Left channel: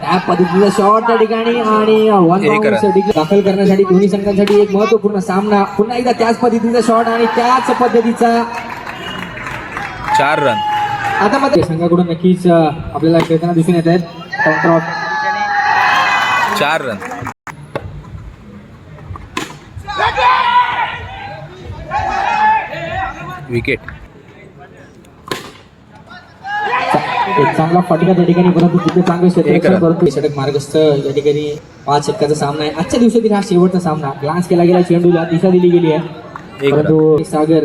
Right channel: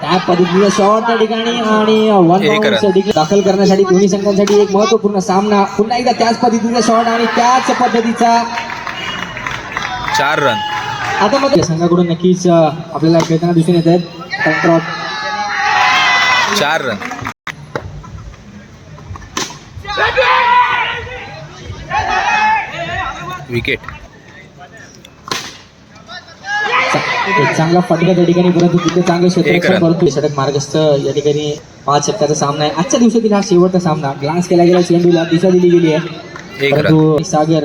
त्या पद्धतीचा शॉट त्या ठिकाणी आणि दाखल करण्यासाठी दोन्ही संघांसाठी एक महत्वपूर्ण सामना. पुन्हा एकदा त्याच पद्धतीचा शॉट आणि त्याच पद्धतीचा 4 रन. आता मध्ये संघाकडून नक्कीच आपल्याला खेळताना दिसून येत आहेत. 4 रन. विकेट. एक चांगला फटका त्या ठिकाणी, परंतु तिथे चांगले क्षेत्र षटक मार्गस्थ या ठिकाणी 5 षटकाचा सामना आहे. आजच्या दिवसातील हा शेवटचा सामना. ग्लान्स केला गेला, चेंडूला दिशा दिली गेली आहे, परंतु सागर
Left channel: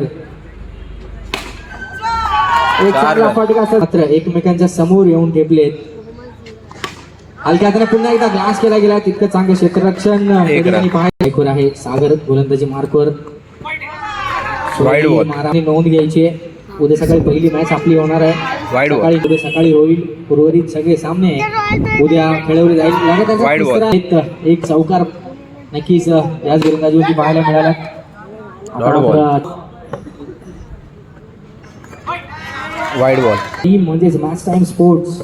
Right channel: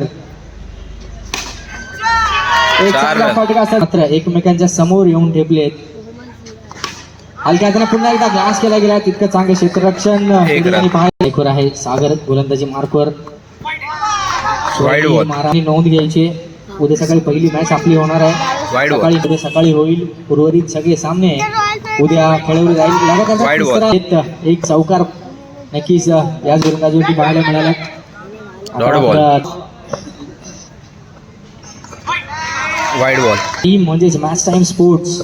एक चांगला फटका मात्र एकमेकांच्या समोर येऊन ठेपलेत. हलक्या हाताने पुन्हा एकदा ग्लान्स केला गेला, तितकं चांगले क्षेत्ररक्षण पाहायला आहे. सागर गोलंदाजी मार्कवर नोंद घ्यायची. उद्या सकाळी पहिली मॅच आपली होणार आहे. उद्या सकाळी होईल. उर्वरित सगळे सामने उद्या खेळवले जाईल. एक चौकार नक्कीच याच गोलंदाजीवरती पाहायला मिळाला. Wide ball. टीम म्हणजेच मॅच टाइम स्पोर्ट्स.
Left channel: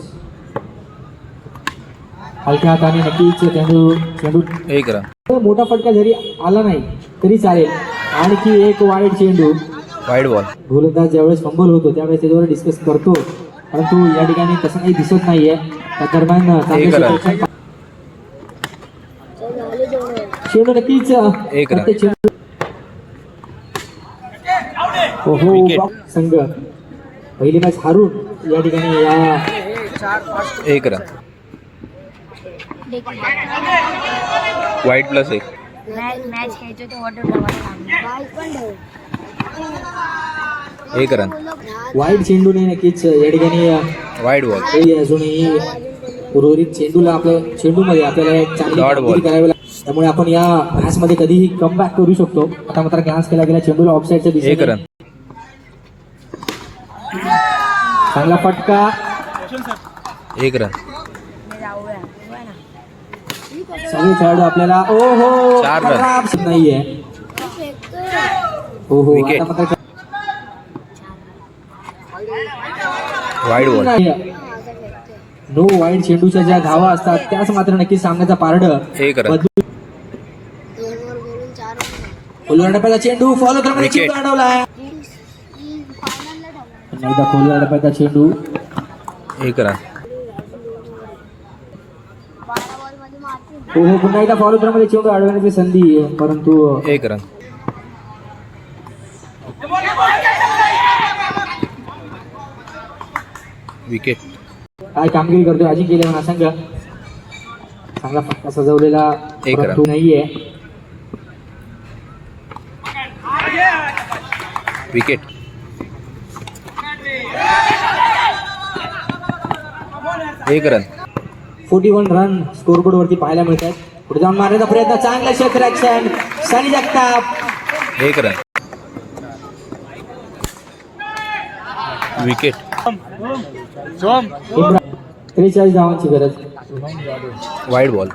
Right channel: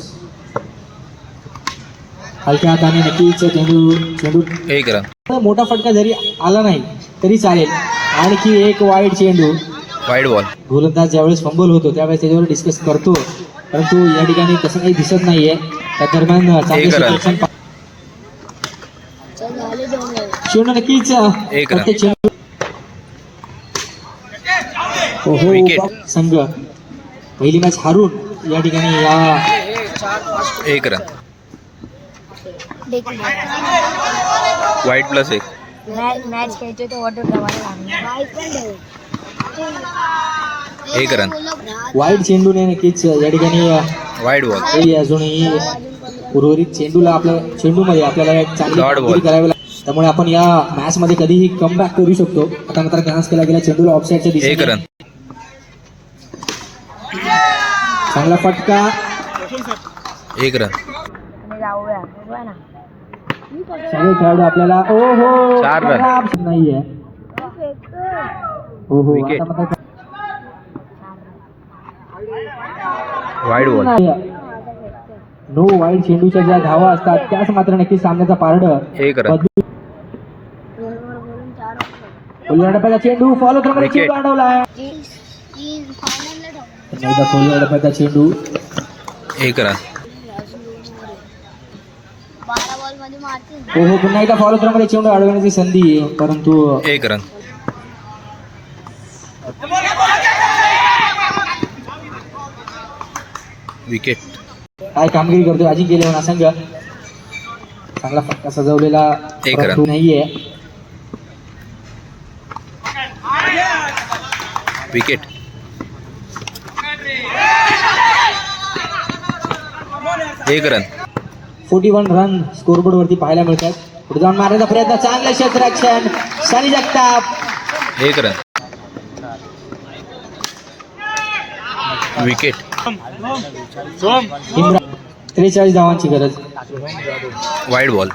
हलक्या हाताने नक्कीच चेंडू 1 रन. मोठा फटका जरी आला नाही तरी चालेल. आणखी एक वाईड चेंडू. Wide ball. गोलंदाज ज्यावेळेस फंबल होतो त्यावेळेस त्याच्यावर डिस्कस करतो, परंतु या ठिकाणी तसं काही दिसत नाहीये. त्या दरम्यान चेंडू नक्कीच संघ पहिली मॅच हारून या ठिकाणी 1 रन. वाईड +1. मॅच खेळतोय तो ऑर्डर लावायला 1 रन. वाईड चेंडूने नक्कीच या ठिकाणी वाईड बॉल. अजूनही उर्वरित चेंडूला चेंडूमध्ये आपल्याला एक चांगली कामगिरी करावी लागते. त्यामुळे आपण या मॅच मध्ये कधीही कम बॅक करू शकतो. आता मात्र ग्लान्स केला गेला चेंडूला ऑफसाईडच्या दिशेने. 1 रन. चांगला फटका. 1 रन. सगळे खेळाडू आपल्याला 4 रन. नाहीये. आता मात्र वाईड बॉल. नो वाईड चेंडूच्या ज्या धावा असतात त्याच मात्र नक्की सामन्याचा पारड. 1 रन. डपाचा चेंडू फॉलो क्रमाने चेंडू अडवला. डपाचा चेंडू 1 रन. पुन्हा एकदा फॉलो क्रमाने चेंडू अडवण्याची संधी, परंतु 1 रन. विकेट. काय कामगिरी करतोय अजिंक्य म्हणा संघ. चांगला फटका सजवलेला 1 रन. नाहीये. विकेट. 1 रन. 41 रन स्कोरबोर्ड वरती पाहायला मिळतात. पुढे जाऊन मारण्याचा प्रयत्न. चांगलं क्षेत्ररक्षण सनी जगताप. 1 रन. विकेट. 43 धावांची गरज. Wide ball.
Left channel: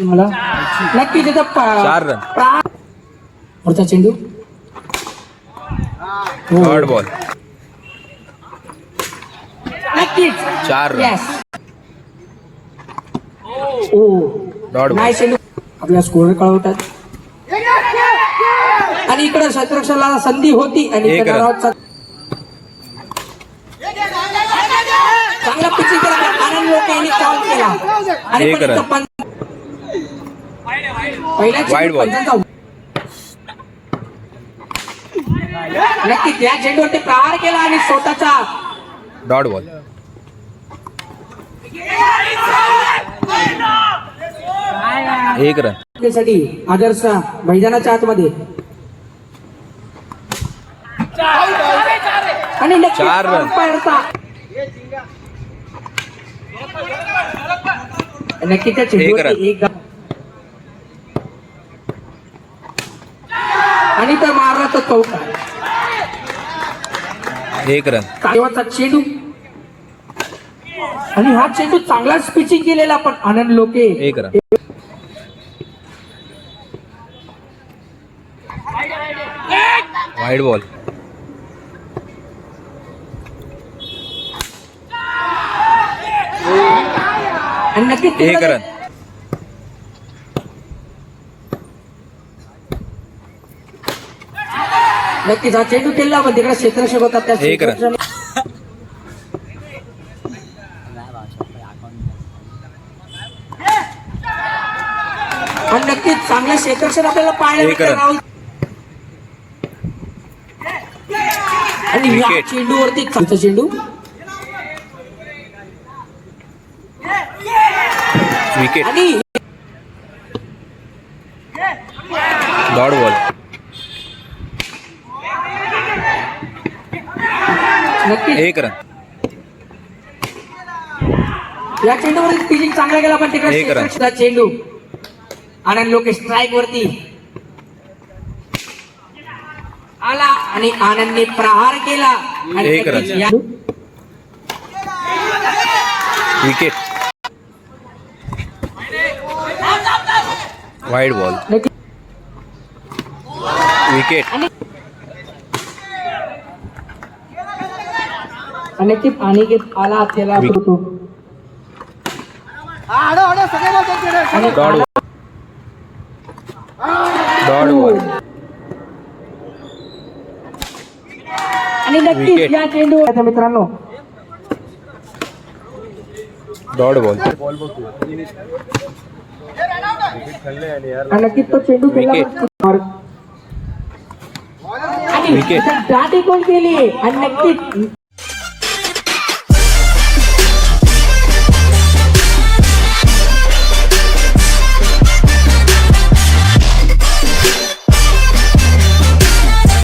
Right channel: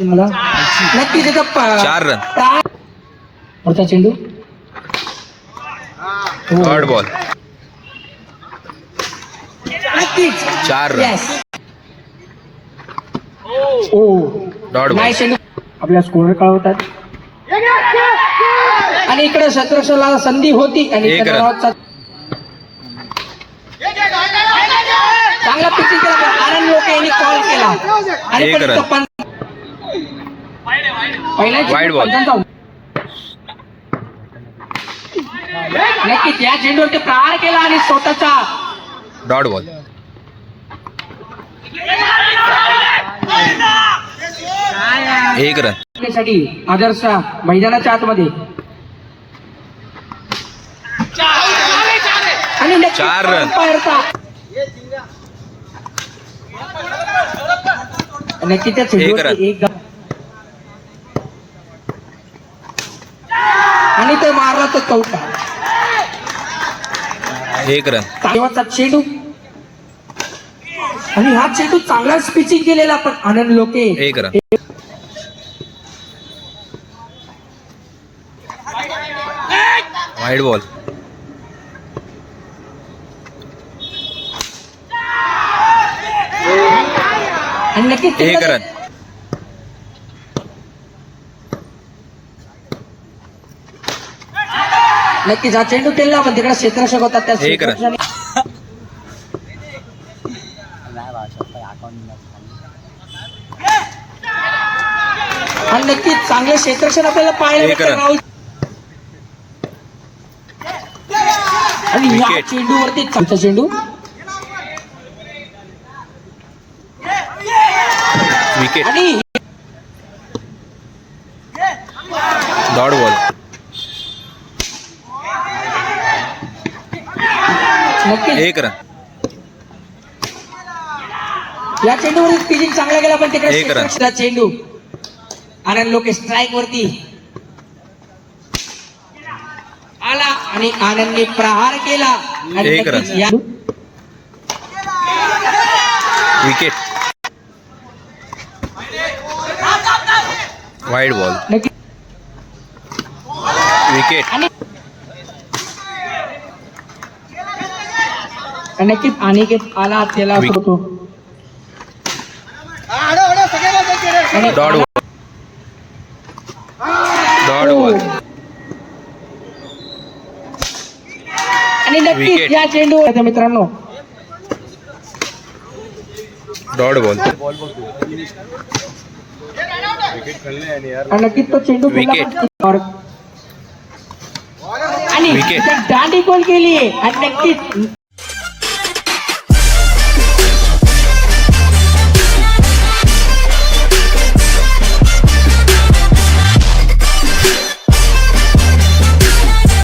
मला नक्कीच 4 रन. पुढचा चेंडू. Third ball. नक्कीच 4 रन. Dot ball. आपल्या स्कोर कळवतात आणि इकडे क्षेत्ररक्षणाला संधी होती आणि 1 रन. चांगला पिचिंग केला पण आनंद लोकेंनी कॉल केला. 1 रन. Wide ball. नक्कीच या चेंडूवर ते प्रहार केला आणि स्वतःच्या डॉट बॉल. 1 रन. साठी आदर्श मैदानाच्या आतमध्ये आणि 4 रन. नक्की त्या 1 रन. आणि तर मारला तर चौका. 1 रन. तेव्हाचा चेंडू आणि हा चेंडू चांगलाच पिचिंग केलेला पण आनंद लोके. 1 रन. Wide ball. आणि नक्कीच एक रन. नक्कीच हा चेंडू केला पण तिकडे क्षेत्ररक्षक होतात त्या एक रन. क्षेत्ररक्षकाने- आणि नक्कीच चांगलं क्षेत्ररक्षण आपल्याला पाहायला एक भेटलं रन. राहुल. आणि या विकेट. चेंडूवरती चांगला चेंडू विकेट. आणि डॉट बॉल. नक्कीच एक रन. या चेंडूवरती पिचिंग चांगला गेला पण तिकडे एक रन. क्षेत्ररक्षक चेंडू आनंद लोके स्ट्राईक वरती आला आणि आनंदने प्रहार केला आणि एक रन. नक्कीच या- विकेट. Wide ball. नक्की- विकेट. आणि नक्कीच अनिकेत आला त्याला विकेट. होतो आणि डॉट बॉल. Dot ball. आणि नक्कीच विकेट. या चेंडू मित्रांनो डॉट बॉल. आणि नक्कीच तो चेंडू विकेट. आणि विकेट. दांडी गोल केली आणि नक्कीच